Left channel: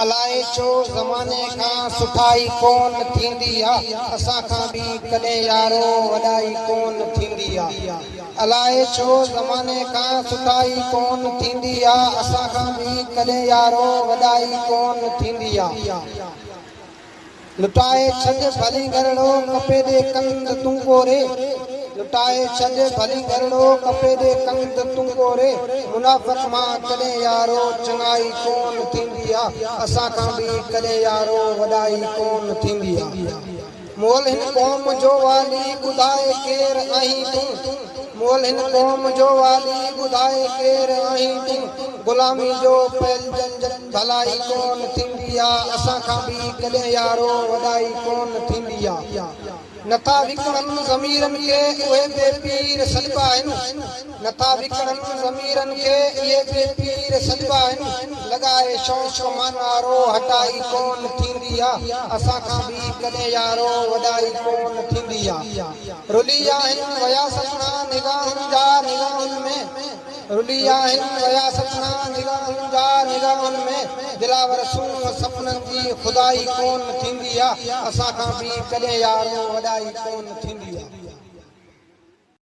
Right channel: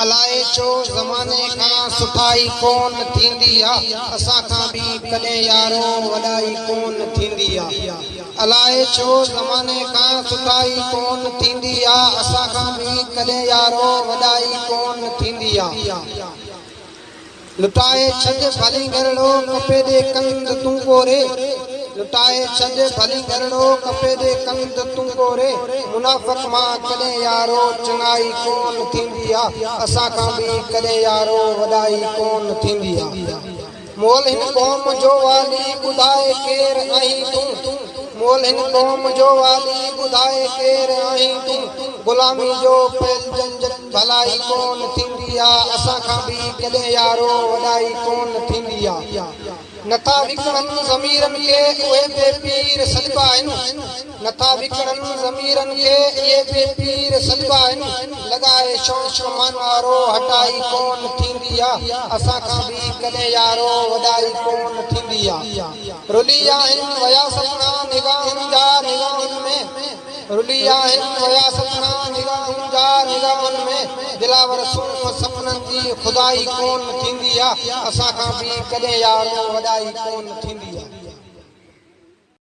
अलाए छो ज़माने खां सुठाई कोन थींदी आहे, असां खां बि कॾहिं यारो वॾाई कोन थींदी आहे। अलाए छो ज़माने खां सुठाई कोन थींदी आहे, असां खां बि कॾहिं यारो वॾाई कोन थींदी आहे। लुटाए छॾ भली घरड़ो कपे दे कंद तूं गोरे, लुटाए छॾ भली घरड़ो कपे दे कंद तूं गोरे, मुनाफ़िक़ मां कॾहिं यारो चङाई कोन थींदी आहे, असां खां बि कॾहिं यारो वॾाई कोन थींदी आहे। मोल हिन क़ौम जो वाली ॿुधाए केर आहीं तूं, मोल हिन क़ौम जो वाली ॿुधाए केर आहीं तूं, ग़ुलामी जो फैलजन भलाई कोन थींदी आहे, असां खां बि कॾहिं यारो वॾाई कोन थींदी आहे। नथा विकणनि ज़मीरनि खे उहे बेपीर सॾिबा आहिनि, नथा विकणनि ज़मीरनि खे इहे बेपीर सॾिबा आहिनि, लॻाए शौक़ मन वारो हटाई कोन थींदी आहे, असां खां बि कॾहिं यारो वॾाई कोन थींदी आहे। रुली आहिनि वया सपना निगाहनि जा निगाहनि में, रुली आहिनि वया सपना निगाहनि जा निगाहनि में, दिलावर सुन सपननि जी खुदाई कोन थींदी आहे, असां खां बि कॾहिं यारो वॾाई कोन थींदी आहे।